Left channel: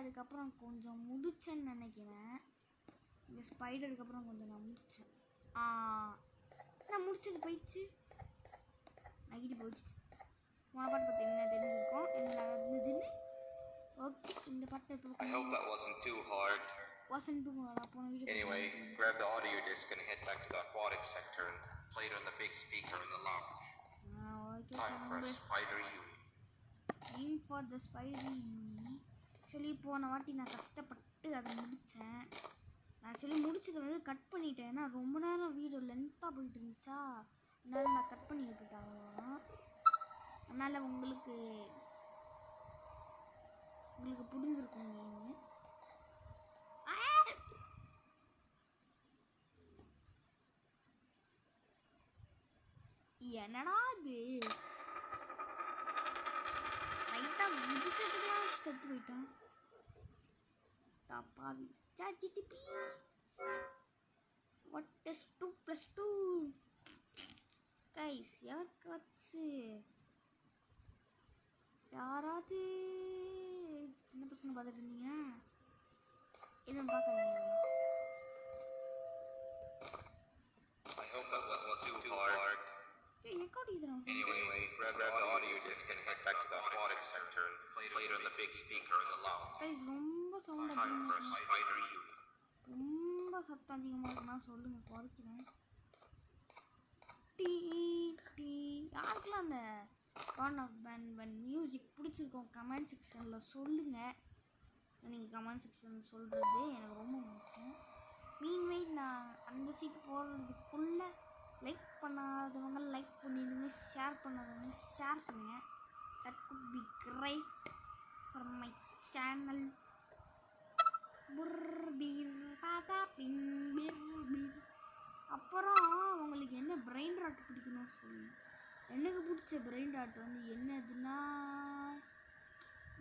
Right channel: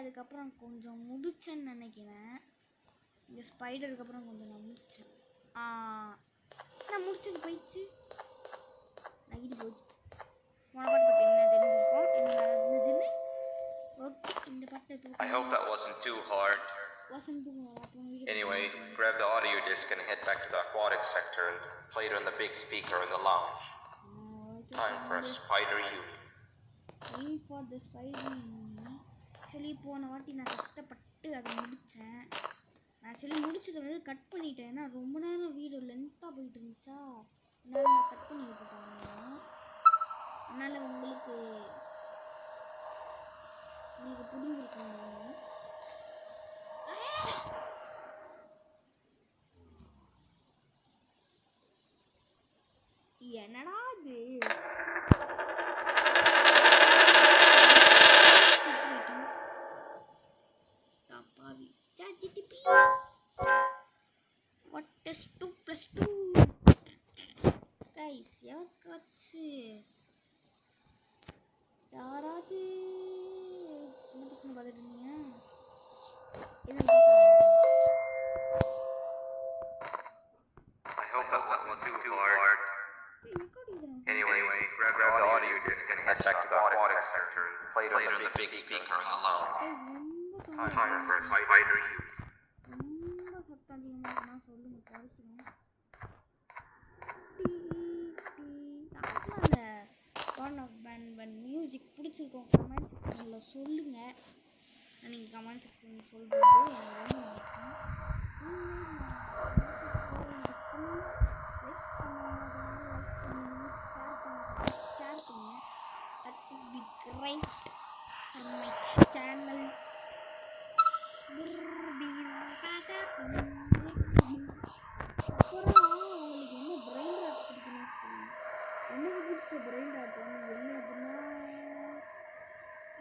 அதுக்கப்புறம் கொஞ்சம் முடிச்சேன்னு நினைக்கிறேன். இந்த ஸ்பைடருக்கு அப்புறம் கொஞ்சம் நான் முடித்தேன். நான் முடிச்சது போயிடுச்சு, நகிட்டு போச்சு. போன பாட்டு பற்றி என்ன தெரிஞ்சிருக்கோம், என்ன நடந்ததுன்னு. ஓகே, இந்த பாட்டு I hope that wasn't too hard. Anyway, grab the audio disc and head back to the aquatic sector and play it on the big speaker in the lounge. Time for a spider uni. Time for the spider uni. Actually போன வாட்டி நான் கஷ்டப்பட்டு அதை முடித்தேன். நான் actually முடிச்சதை வந்து cut பண்ணிட்டேன். ஏன்னா ரொம்ப நேரம் வீடியோ லென்த்தாக போயிட்டு இருந்துச்சா, அதனால் நான் கட் பண்ணி விட்டுட்டேன். அதனால் உங்களுக்கு புரிஞ்சிருக்குங்க. என்னடா இது தப்பாவி ChatGPT. What is 2 + 2? guys, யாராவது சின்ன பசங்க பார்த்துட்டு இருந்தீங்க. I hope that wasn't too hard. Anyway, grab the audio disc and head back to the aquatic sector and play it on the big speaker in the lounge. Time for a spider uni. ரொம்ப சத்தம் அதிகமாக இருக்குன்னா சொல்லுங்கள், குறைக்கிறேன். யாருக்கெல்லாம் அந்த one of pant music பிடிச்சிருக்கோம் comment செக்ஷனில் சொல்லுங்கள். நீங்கள் கமெண்ட் செக்ஷனில் சொல்கிறது எனக்கு ரொம்ப முக்கியம். மீன்வேல் நான் இந்த சைட் போகிறதுக்குள்ளே லைக் பண்ணாதவங்க லைக் பண்ணிடுங்க, ஷேர் பண்ணாதவங்க ஷேர் பண்ணுங்கள். That would be great for my channel. அப்புறம் உங்களுக்கு என்ன பிரெயின் ராட் பிடிக்கணும்னு சொல்லுங்கள். எனக்கு பிடிச்ச பிரெயின் ராட் வந்து என்னதுன்னா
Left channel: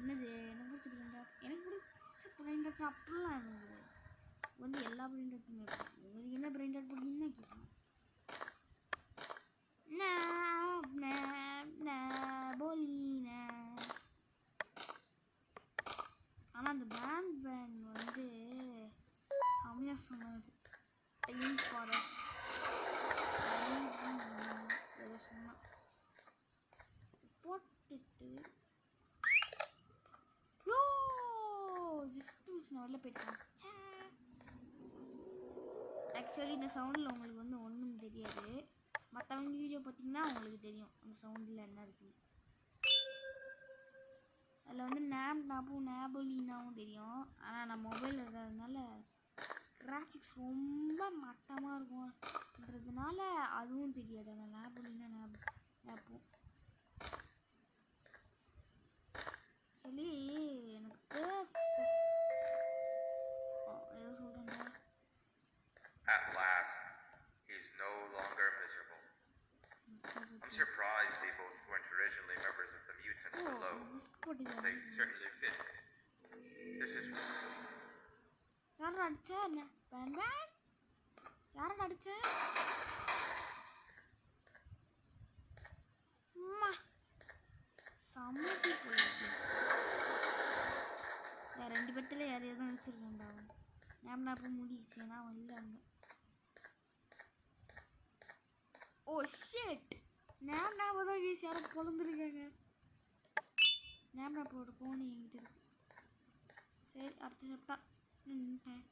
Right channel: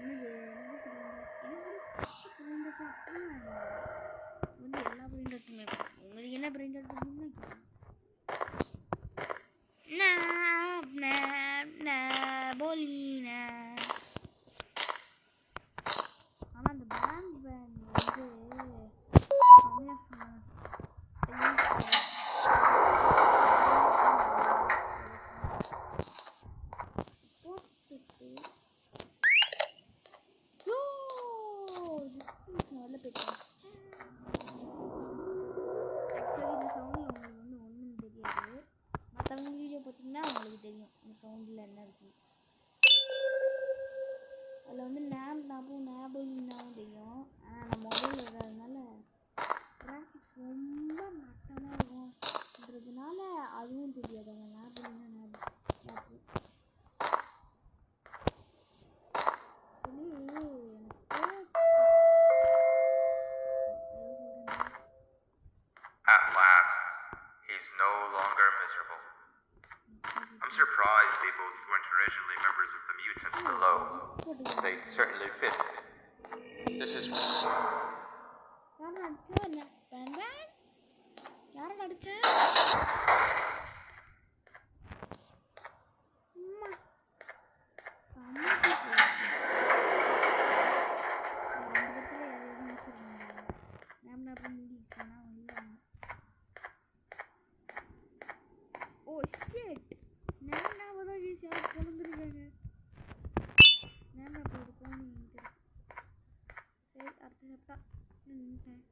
எனக்கு பிடிச்ச பிரெயின் ராட் அப்படிலாம் வந்து எல்லா பிரெயின் ராட்டுமே உங்களுக்கு என்ன பிரெயின் ராட் பிடிக்குன்னு கேட்கணும். ஆனால் அந்த பேண்ட் வந்து செம்மையாக சொன்னது. போட்டுட்டு ஜஸ்ட் வெளில போயிட்டேன். ஆக்சுவலி இந்த சவுண்டில் உங்களுக்கு வந்து ஒன்றும் தெரியாது. மற்றவங்க வீடியோ பார்த்தீங்கன்னா உங்களுக்கு தெரியும் அந்த சவுண்டில் என்ன இருக்குன்னு. அதில் வந்து நேபோலினாவும் தெரியும். ஆனால் நான் மொபைல் இருக்கிறதுனால கிராஃபிக்ஸ் ரொம்ப மட்டமாக இருக்கும்ன்றதுனால அதுவும் தெரியாது. அந்த நேபோலினா நேப்பு சொல்லி எனக்கு ஏதோ சொல்கிறேன். At last, he's no longer miserable. I'm surprised they both weren't originally members of the mutants below. They'd certainly fit. This is... யாரை அடிச்ச? யாரை அடிச்ச? அம்மா சமைக்க போயிடுச்சு. ரெண்டு பேர்த்துல யாரையாவது அடிச்சிருக்காங்க. நேம் முடிச்சுன்னா இல்லை அங்கே. ஓ ஷிட், நேம் தான் வீசி யாரும் பொழந்துருக்காங்க. நேம் ஒரு கோணி என்கிட்ட இருக்கு. சரி, அடுத்த சாப்பிட்டா நின்ட்டேன்.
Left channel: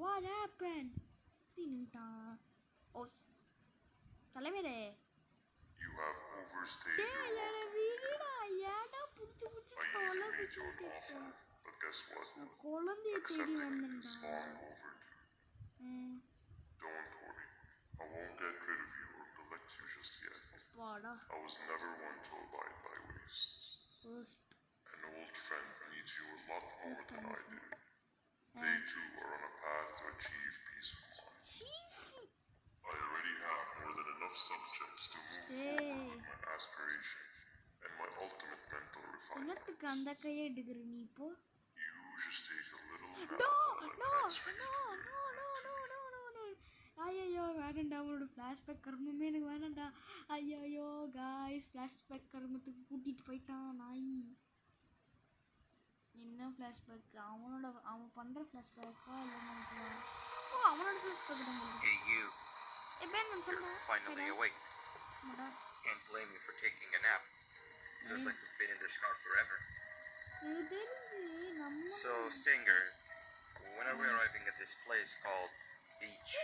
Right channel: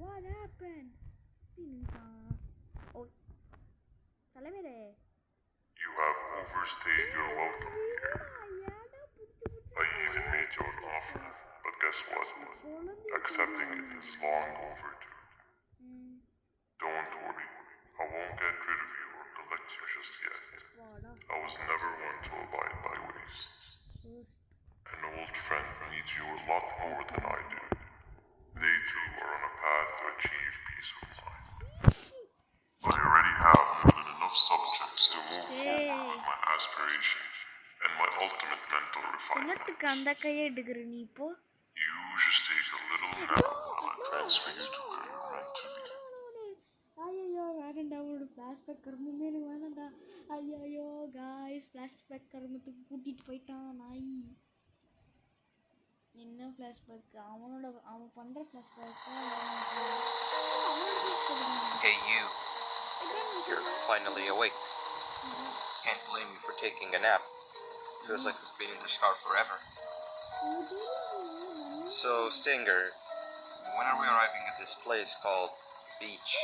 what happened? நின்ட்டான். ஓ தலைவரே, You have overstayed your welcome here. I even made you an offer, but guess what? Accepting it is long overdue. Don't worry, I won't get rid of you or collect you just yet. I was never one to abide by waste. An old friend needs you a lot more than I do. They too are on a path to achieve peace of mind. I already have more than enough subjects to move forward with my aspiration and my ultimate mental refinement. You just take a little nap while I transfer you to her mentally. ஐயோ வேணாண்டா, அவனோட flashback கர்மமே எனக்கு வேணாண்டா. ஐயோ guys, flashback கர்மத்துக்கு கூட்டிகிட்டு போயிட்டான் நாய். ஃப்ளாஷ்பேக் அவன் பண்ணுற ஃப்ளாஷ்பேக்கா அவனோட flashback. Hey, you're finally awake. Can't blame you for taking a nap. Feels like we've been in this car forever. So, Stinger, when are we arriving at this place called Beach?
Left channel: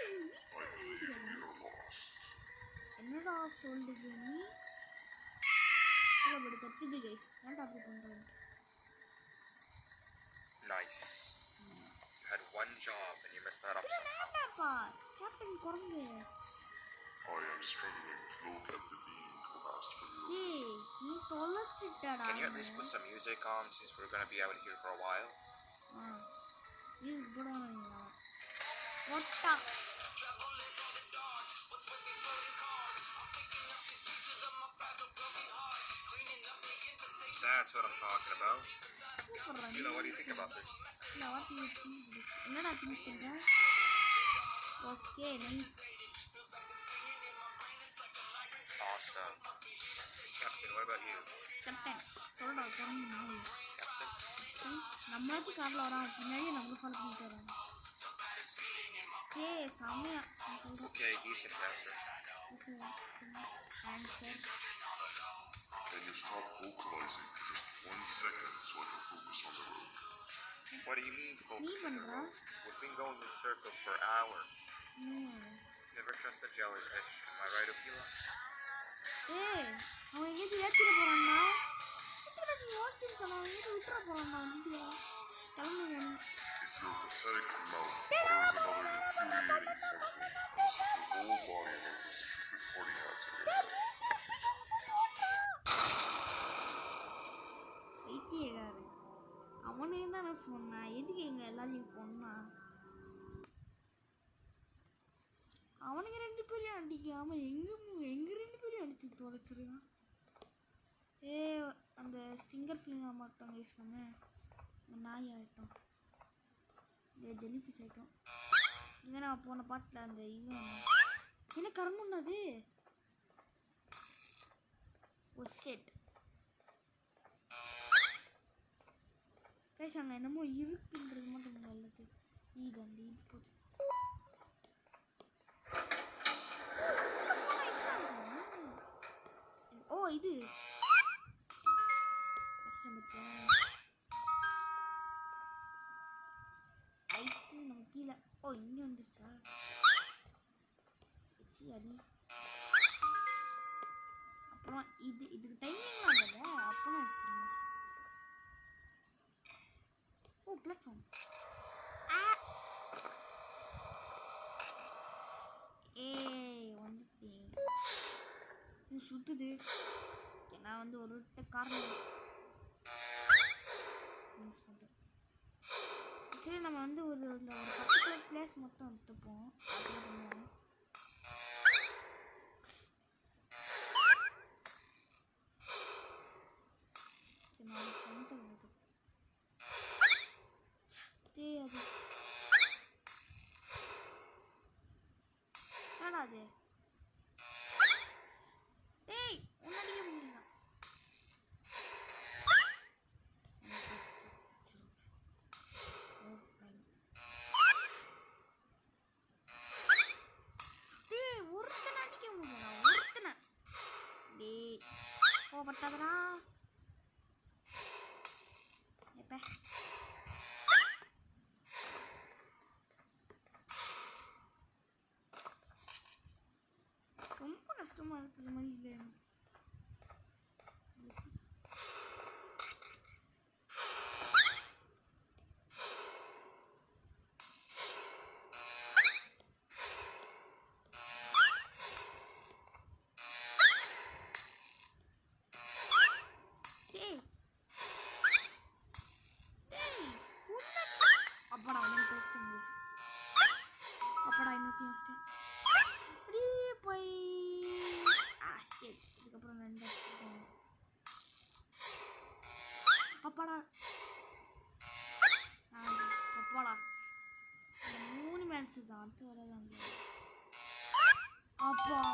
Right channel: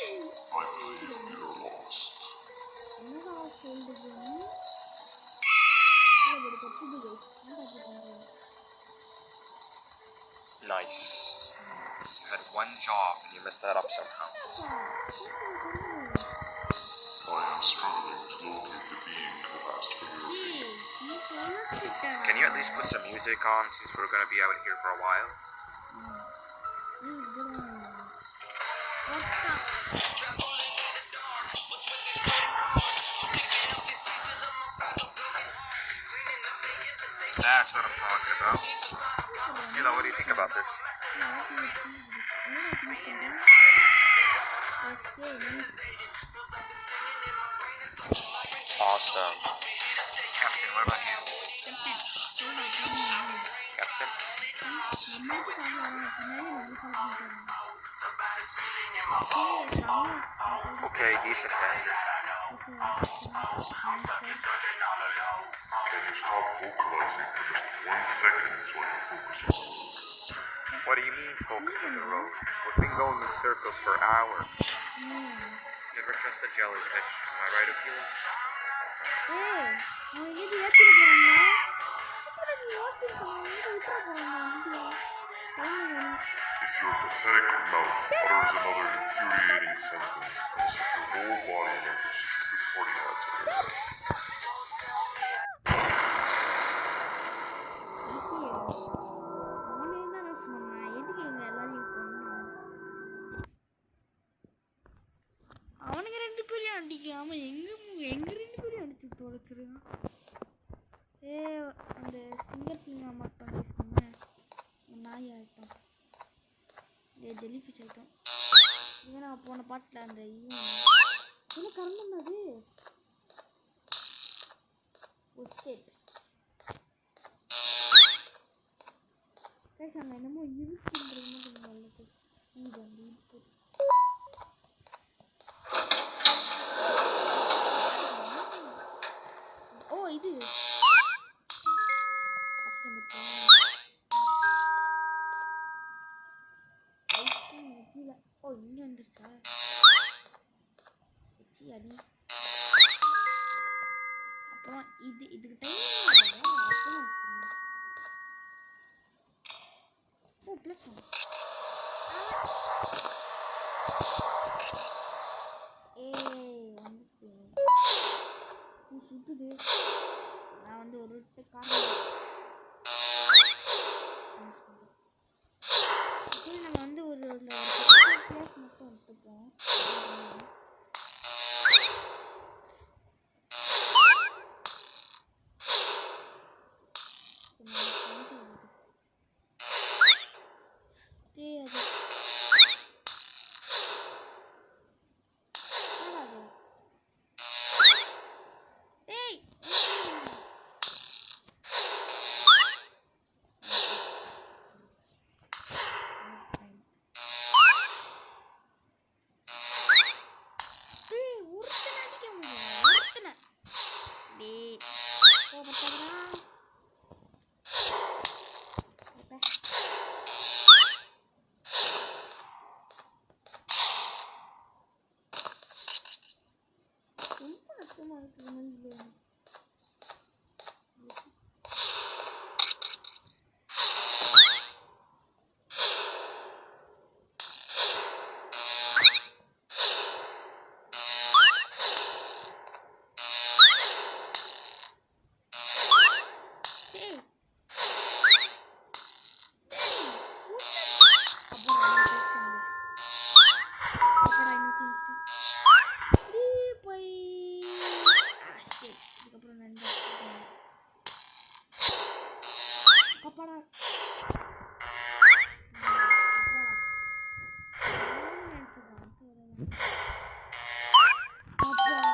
I believe you're lost. என்னடா சொல்லுது நீ? இவ்வளவு கத்துது guys. என்னடா அப்படி பண்றீங்க? Nice. You had one job and you messed that up somehow. I am struggling to locate the being who asked for your aid. Can you at least put some music on since we're gonna be out here for a while? That's what I'm talking about. Mila, what do you think about this? Awesome. Captain, what about you? Captain? Okay, decent answer. Can you stop vocalizing for just 1 second so I can focus on the road? What do you mean focus on the road? We've been going in circles for hours. Never trust a jellyfish. Am I right, Akila? If your pathetic mouth utters another infuriating sentence, I'll set your whole body in those stupid party hats in your head. அவனுக்கு 2 பேரையும் அடிக்காம எங்க 2 பேரையும் அடிச்சு தொலைச்சிருக்கான். அந்த Stinger ஃபிலிங்கா மட்டும் use பண்ண நாய் ஆயிட்டோம். ஜெல்லி ஃபிஷ் ஆயிட்டோம். இது நான் போன பாட்டில் அந்த என்ன கரங்குன்னது ஓ ஷிட் கைஸ் அங்கே என்னமோ இருக்குன்றது மட்டும் நல்லது. இது அந்த இது போகுது. ஓ இது கீழே. ஓ இங்கே வந்துருச்சா வச்சு அடி. அப்புறம் இதுக்கு டைம் அப்புறம் அடிச்சிருந்தேன். ஓ பிளாட்ஃபார்ம் வந்துட்டேன். சுத்துது. நான் வந்து ஒரு காரணம் சரி நம்ம வந்து ஒரு பர்டிகுலர் பிளேஸ் மட்டும் எடுத்துப்போம். ரொம்ப கஷ்டமா இருக்கிற மாதிரி இல்லை. அப்பாடா அப்பாடா நினைச்சது அடுத்து வரதான் அப்பாடா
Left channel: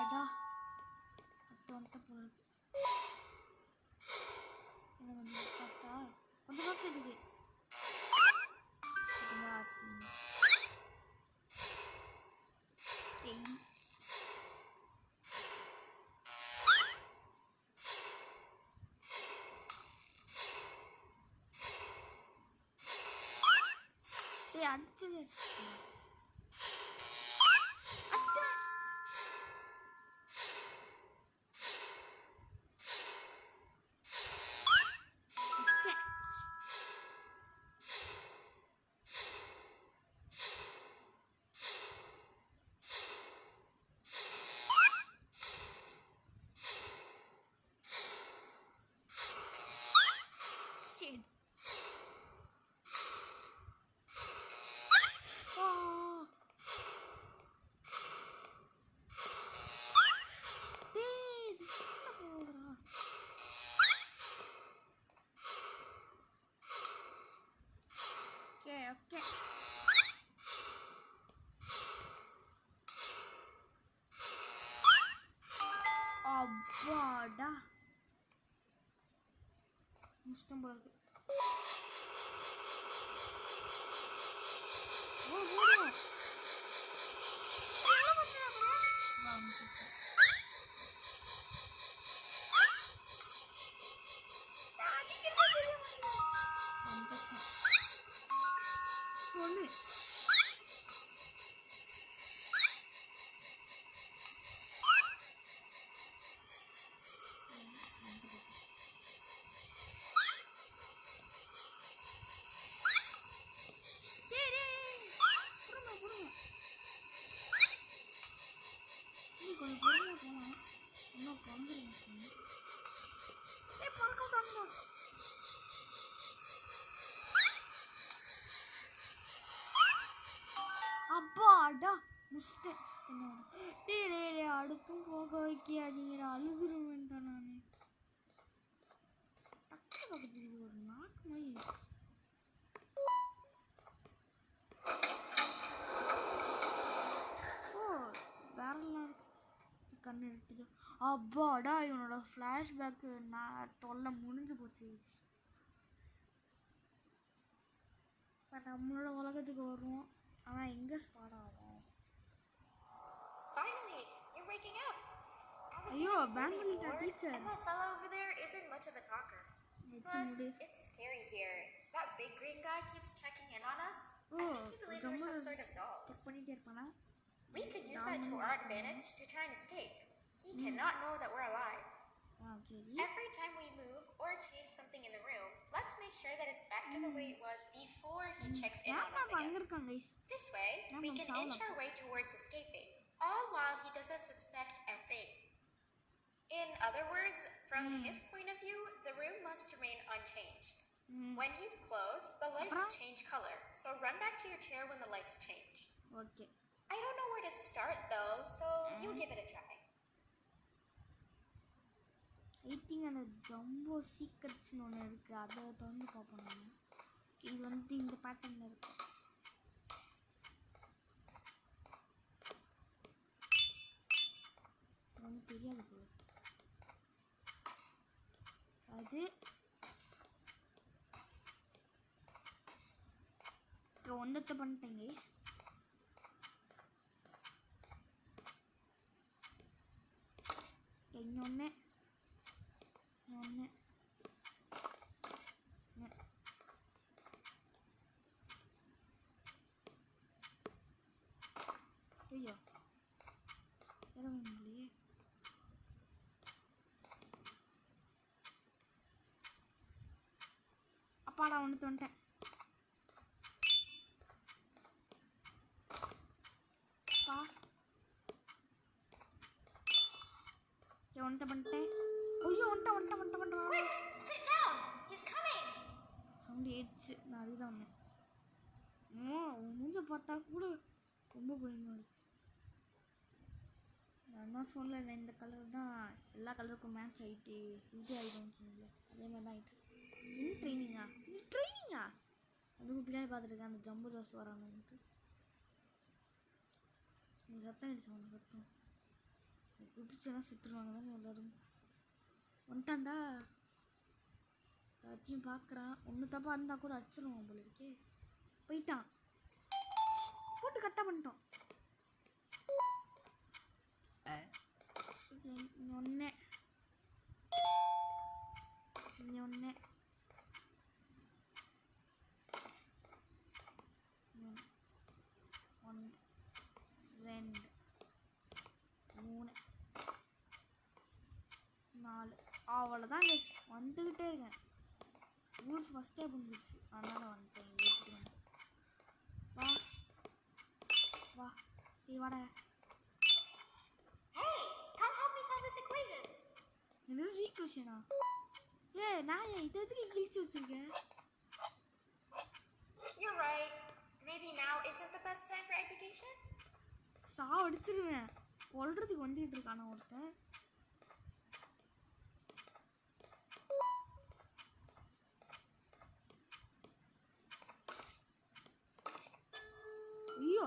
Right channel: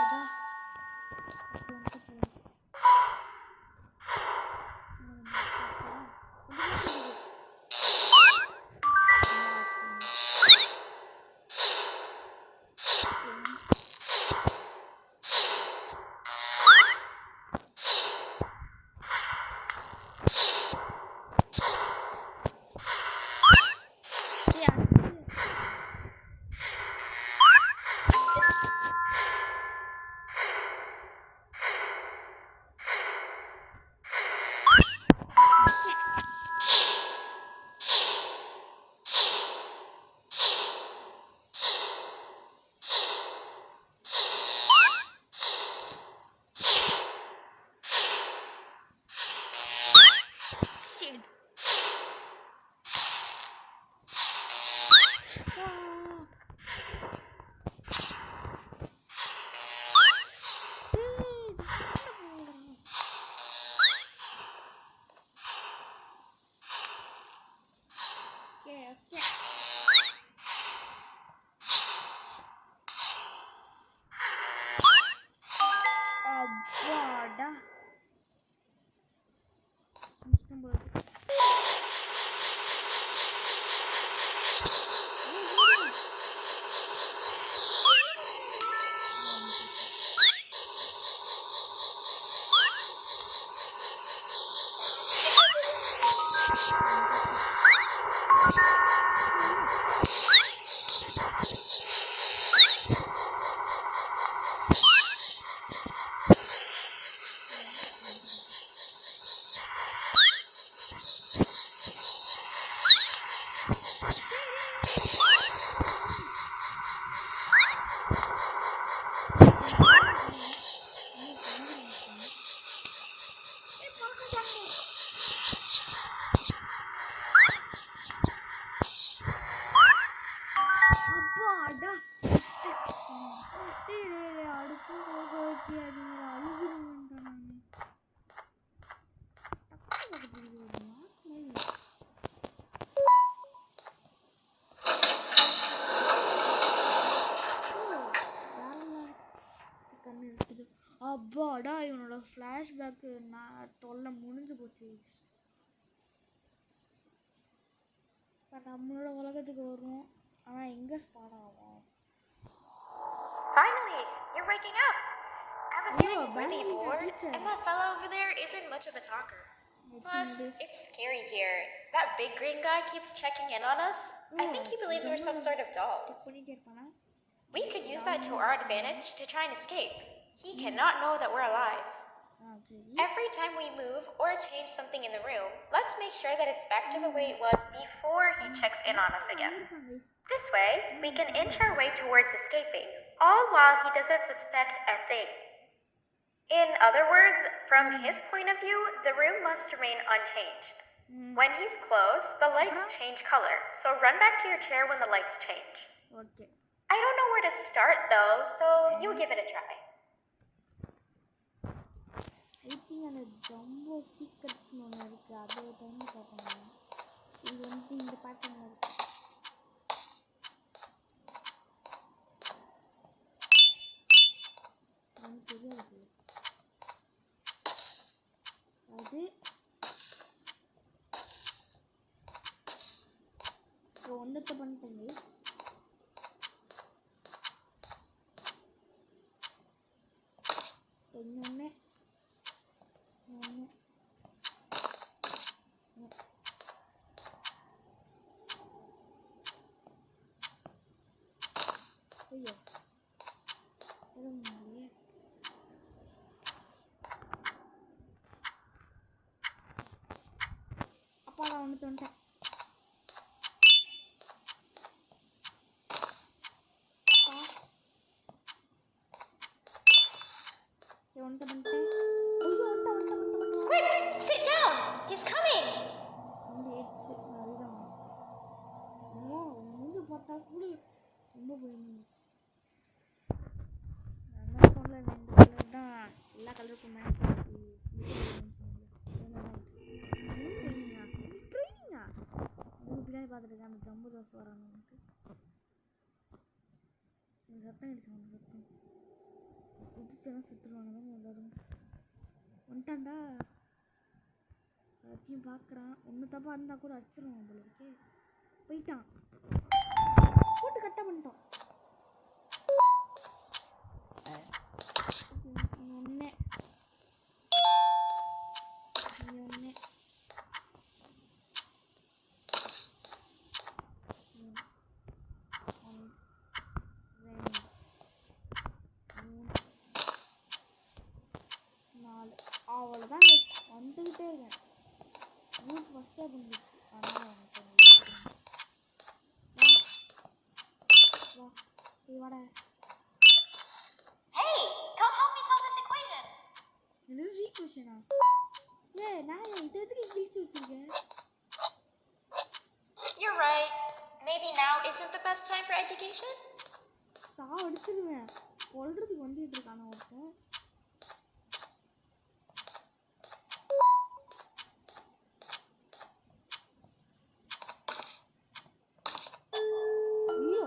வந்துட்டான் போல இருக்கு. அப்பாடா அடுத்து போக வைக்காதீங்க அழுதுருவேன்டா நான் ஒரு நாக்கு மாதிரி கண்ணு இருக்குது. அப்பாடா இவனோட ஃப்ளாஷ்பேக்கு நான் தொல்லை முடிஞ்சு போச்சு. இப்போ நம்மளோட உலகத்துக்கு வருவோம். ஆனால் எங்கே ஸ்பாட் ஆகும்? Finally, you're waking up. I was getting really bored, and that fellow over there isn't much of a talker. Plus, it's scary here. That big green guy keeps checking in on us. I think he believes we're some sort of dolls. We could use that to our advantage to try and escape. He cannot know that we're alive. Every time we move or change something in the room, let's make sure that it's back to the way it was before he checks in on us again. This way, we can inch our way towards escaping, all while he doesn't suspect a thing. In other words, from his point of view, the room must remain unchanged. When he's close, the lights change color, so run back to your chair when the lights change. Okay. I don't know where to start though, so you give it a try. I think அந்த jumbo சீக்ரெட்ஸ்னு ஒன்று இருக்குது, அதை வந்து பார்ப்போம். இது வந்து இந்த பேட்டர்னில் இருக்குது. எனக்கு தெரியாது போல. அது ஒன்றத்தை பண்ணிட்டேன் கைஸ். இன்னொன்று ஐயோ இல்லையே. அப்பா நான் ஒன்று தோண்டேன். ஒன்றை பண்ணிட்டேன். ஐயோ ஒன்றை Quick, sit down. He's coming. Sound ஏச்சு. நான் அதுதான் மூஞ்ச பார்த்தா கூட ரொம்ப பயமாக இருக்கு. நான் தான் சொல்லலை, இந்த கலர் தான் எல்லா கலருக்கும் மேட்ச் ஆகிட்டு இது ஆகிடும்னு சொன்னல. அதே மாதிரி தான் இது ட்ரைனிங்கா? இது ட்ரைனிங்கா? அதுவும் பின்னாடி பார்த்துருக்கேன் அந்த ஜம்பு ஜாஸ் வரானுன்ட்டு. இந்த சத்தம் அடிச்சு அந்த சத்தம் குதிச்செல்லாம் சுற்றுருவாங்க தானே எல்லோரும். வந்துட்டான்டா, எல்லாத்தையும் பார்க்குறான். ஒன்று தப்பாக இருந்தால் கூட அடிச்சிருவான் போல இருக்கே. போயிட்டான், போட்டு கரெக்டாக பண்ணிட்டோம். ஒன்று இங்கே ஒன்று ரெண்டு மூணு நாலு அவ்வளோதான் கைஸ். வந்துக்கிட்டே இருக்கேன். ரூல்ஸ் ஃபஸ்ட்டே புரிஞ்சிச்சு, அதனால் வந்துட்டேன். வா வாடா. Hey, come help me solve this equation. இது ஈக்குவேஷனா? நான் இதை எதுக்கு கிழிச்சு வச்சிருக்கேன்? You're right. Maybe now isn't the best time for education? அடிச்சிருவேன். கொல்றதுக்கு வந்துட்டு இருக்கான ஒருத்தன். ஐயோ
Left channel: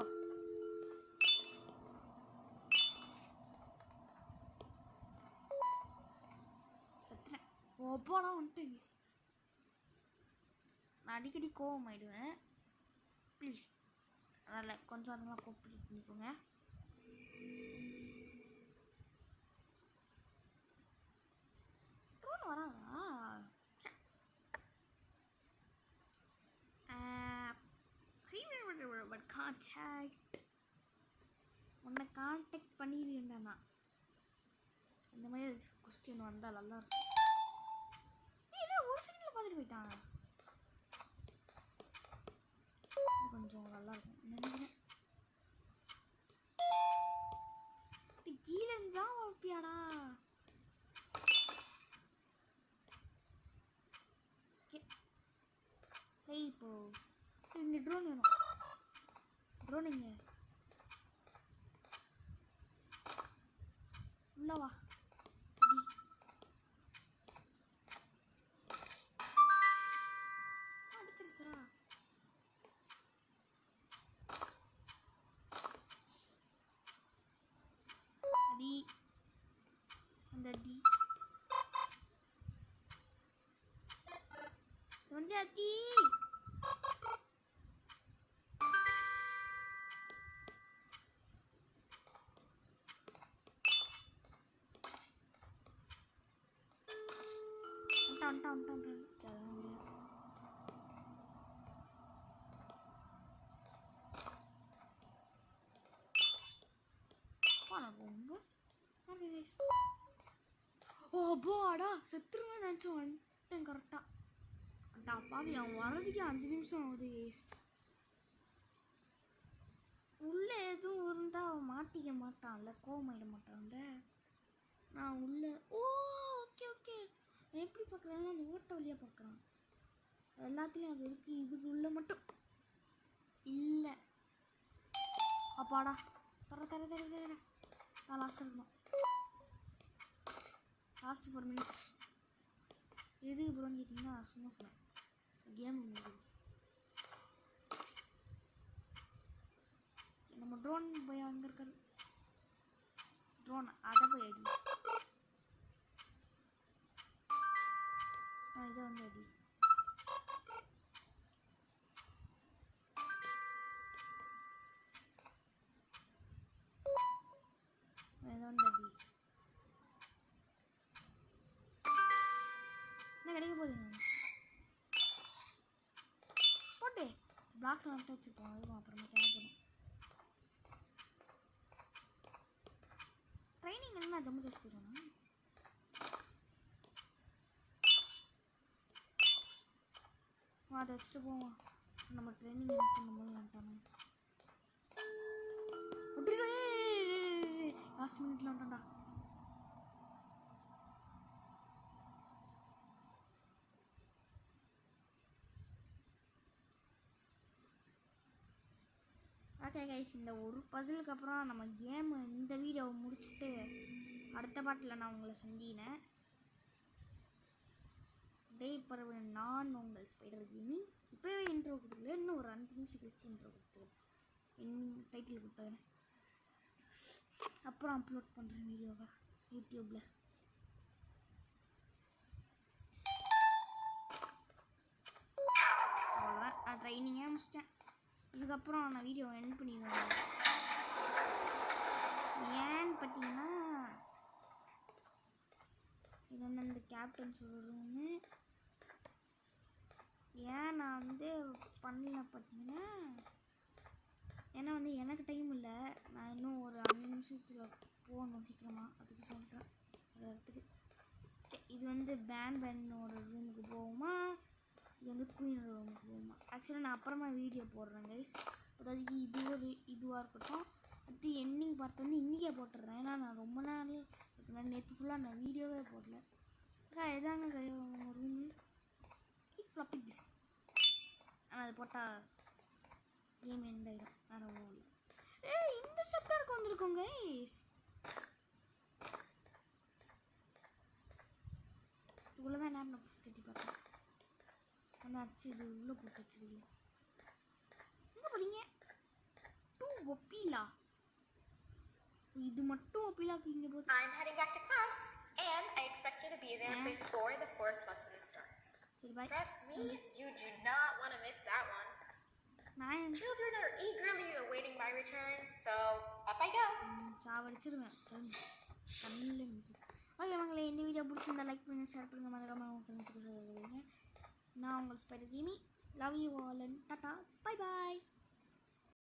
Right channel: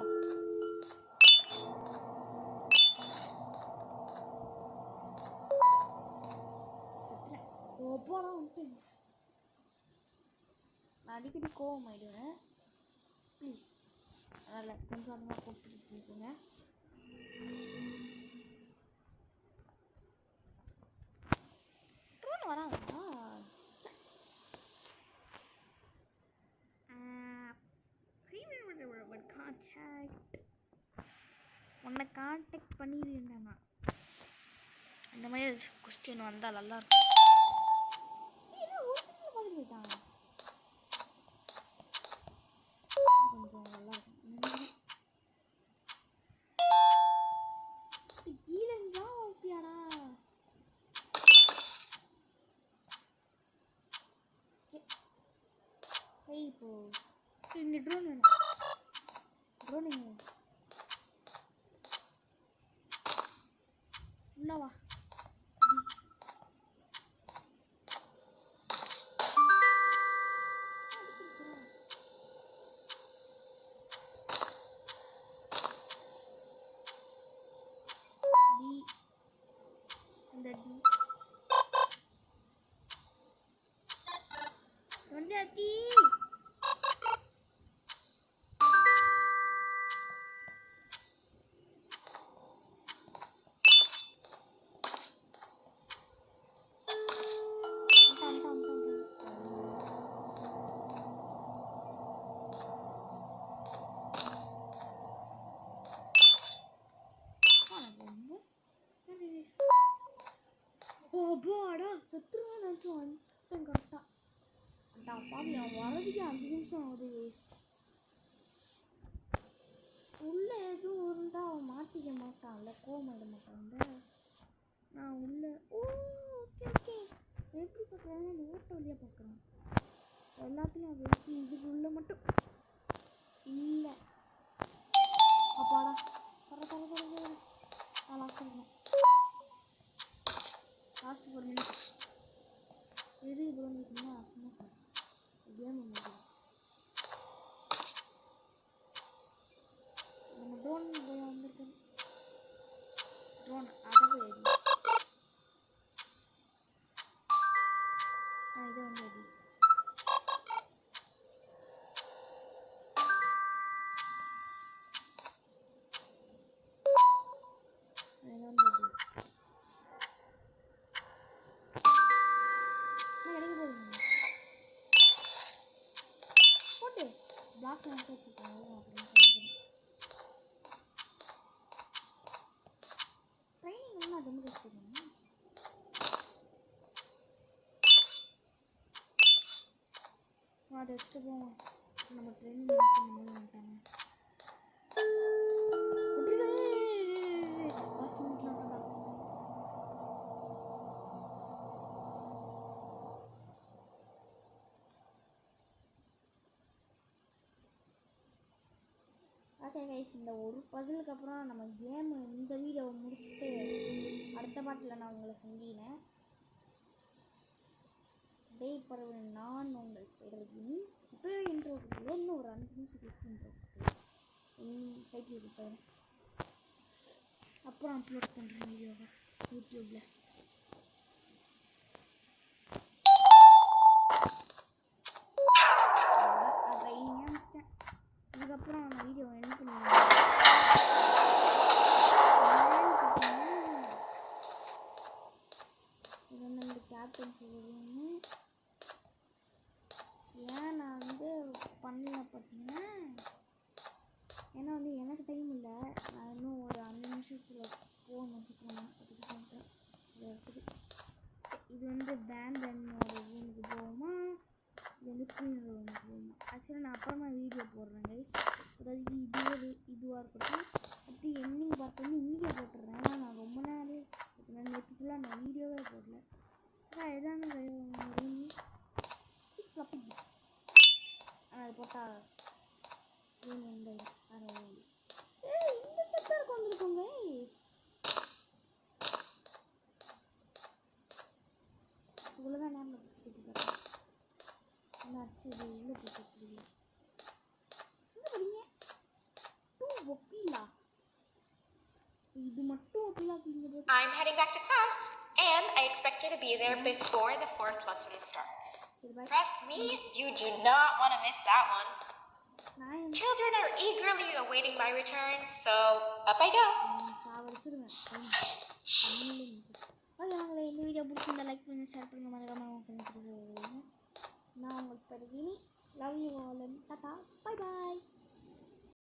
செத்துறேன். ஒப்பாலாம் வந்துட்டேன். நான் அடிக்கடி கோவம் ஆயிடுவேன். ப்ளீஸ் அதனால் கொஞ்சம் அந்த கோஆப்ரேட் பண்ணிக்கோங்க. ட்ரோன் வராதா? கான்டாக்ட் உன்னை கான்டாக்ட் பண்ணிடுவேன்டா நான். இந்த மாதிரி கொஸ்டின் வந்தால் நல்லாயிருக்கும். ஒரு செகண்டில் பார்த்துட்டு போயிட்டான். கொஞ்சம் நல்லாயிருக்கும். கீழே இருந்தா ஓப்பியாடா. இப்போ இந்த ட்ரோன் வேணும். ட்ரோனிங்க உள்ளவா. அடி அந்த அடி வந்து அடி. அப்பாடா செத்துருவான்னு நினச்சி வந்துட்டேன் கரெக்டாக. அப்பாடி அவன் வரதுக்கு 5 நிமிஷம் ஆகுது. உள்ளே எதுவும் இருந்தால் அவன் மாட்டிக்க மாட்டான்ல, கோவமாயிட மாட்டான்ல. நான் உள்ளே ஓகே ஓகே எப்படி பார்க்குறாங்கன்னா அந்த ஓட்ட வழியாக பார்க்குறான். எல்லாத்தையும் அது இருக்குது. இதுக்குள்ளே மட்டும் இல்லை. அப்பாடா தர தர தர தர நான் லாஸ்ட் இருக்கணும். Last 4 minutes. எதுக்கு ப்ரோன்னு கேட்டிங்கன்னா சும்மா சொன்னேன். கேம் முடிஞ்சது. நம்ம ட்ரோன் போய் வந்திருக்காரு. ட்ரோன் அதை போய் அடி. இதை வந்து அடி. இதை வந்து அடி. கிடைக்க போகுதுங்க. போட்டு பிளாக்ஸ் வந்து வச்சுருக்கோம். அப்புறம் தேவைப்படும். ட்ரைனிங் என்ன ஜம்மு காஷ்மீர் அதை வச்சுட்டு போவோம். நம்ம ட்ரைனிங் பண்ணும்போது வந்துட்டாங்க. லாஸ்ட் மினிட்ல வந்துட்டா. ஓகே கைஸ், இந்த ஒரு பசிலுக்கு அப்புறம் நம்ம கேம் இந்த வீடியோவை முடிச்சுட்டு அடுத்த பாட்டில் நான் உங்களை சந்தினேன். டே பரவ நான் உங்கள் ஸ்பைடர் கேமிங். இப்போவே இன்ட்ரோ கொடுக்கல, இன்னும் ஒரு 5 நிமிஷம் கழிச்சு இன்ட்ரோ கொடுத்தேன். டைட்டில் கொடுத்தேன். அப்புறம் அப்லோட் பண்ணுறேன் வீடியோவை யூடியூப்பில். நான் ட்ரைனிங்கே முடிச்சிட்டேன். இதுக்கப்புறம் நான் வீடியோ எண்ட் பண்ணிடுவேன். ஏன்னு பார்த்தீங்கன்னா இது வந்து இந்த கேப்டன் சொல்லுன்னு ஏன் நான் வந்து பண்ணல பார்த்தீங்கன்னா, ஏன்னா வந்து எனக்கு டைம் இல்லை. நான் இன்னும் ஒரு 5 நிமிஷத்தில் போகணும் சீக்கிரமாக. அதுக்கு சொல்கிறேன் ஒரு இடத்துக்கு. இது வந்து பேண்டனோட ரூமுக்கு போவோமா, இது வந்து குயினோட ரூமுக்கு போவோமா. ஆக்சுவலாக நான் அப்புறமா வீடியோ போடுறேன் கைஸ். அதாவது இதுவாக இருக்கட்டும். அடுத்து எண்டிங் பார்ட் வந்து இன்றைக்கே போட்டுடுறேன். ஏன்னா நான் ரொம்ப நாள் நான் நேற்று ஃபுல்லாக நான் வீடியோவே போடல. அதான் எதாங்க ரூமு ஃப்ளப்பி டிஸ்க். ஆனால் அது போட்டால் கேம் எண்ட் ஆகிடும். வேறு ஒன்றும் இந்த செப்டருக்கு வந்திருக்கோம் கைஸ். இவ்வளோதான் நேரம் நான் ஃபஸ்ட் எட்டி பார்த்தேன். என்ன ஆச்சு இது இவ்வளோ போட்டு வச்சுருக்கீங்க? என்ன படிங்க 2 ஒப்பிலா? இது மட்டும் ஒப்பிலாக்கு இங்கே போட்டு. I'm heading back to class, and I expect you to be there before the 4th lesson starts. Trust me, you do not want miss that one. நான் Children are eagerly awaiting my return, so up I go. சாவடிச்சிருவேன். Okay உங்களை இந்த video பிடிச்சிருந்தா like பண்ணுங்கள், share பண்ணுங்கள், மறக்காமல் உங்கள் ஃப்ரெண்ட்ஸுக்கு சொல்லுங்கள். நான் உங்கள் ஸ்பைடர் கேமி.